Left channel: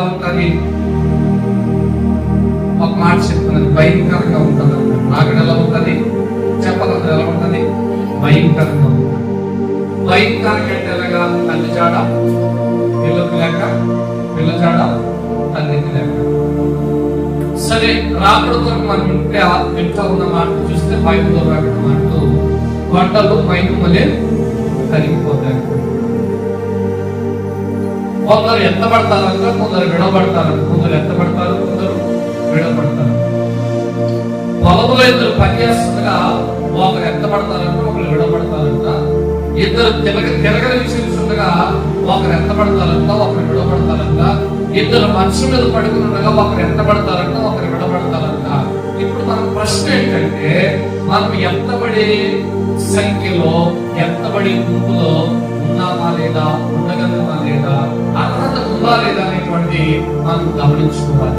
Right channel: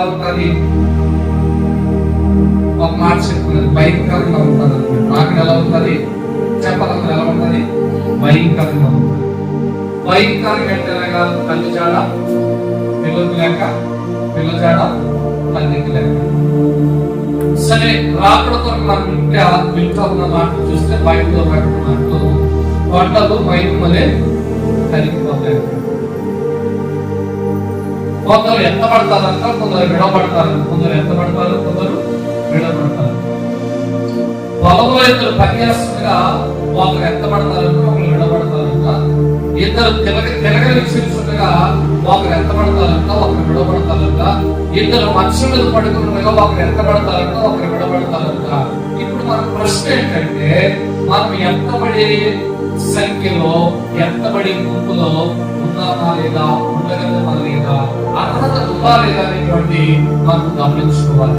ఎలా ఉంటుంది? ఒక మాట చెప్తున్నది, భయంకరంగా ఉంటుంది అన్నమాట. రాకడ ఎలా ఉంటుంది చెప్పాలన్నా ఎలా ఉంటుంది? భయంకరంగా ఉంటుంది. భయంకరంగా అంటే ఎలాగా? తల్లి జాడ పిల్లలు లేక, పిల్ల జాడ తల్లికి లేక. సరే, రాకడ కొరకు మనం వింటూ ఉన్న మాట చూస్తే బైబిల్లో రాకడ మాటలు వంటలు మైమలే తరిగిపోతాయి. కొందరు ఎత్తబడతారంట, కొందరు విడబడతారంట. కొందరు ఎత్తబడతారు, కొందరు విడబడతారు. పొలంలో ఇద్దరు పనిచేస్తుండగా ఒకరు ఎత్తబడతారంట, ఒకరు విడబడతారంట. ఇద్దరు తిరగలి విషిస్తుండగా ఒకరు ఎత్తబడతారంట, ఒకరు విడబడతారంట. ఇద్దరు మనుషుల మీద పడుకుని ఉండగా ఒకరు ఎత్తబడతారంట, ఒకరు విడబడతారంట. ఇప్పుడు మన ప్రశ్న ఏంటంటే, మనం ఎత్తబడే సంఖ్యలో, ఎత్తబడి గుంపులో ఉన్నామా లేదా, ఉండగలమా లేదా, అర్హత ఉందా లేదా అనేటువంటి మనం గమనించుకోవాలి.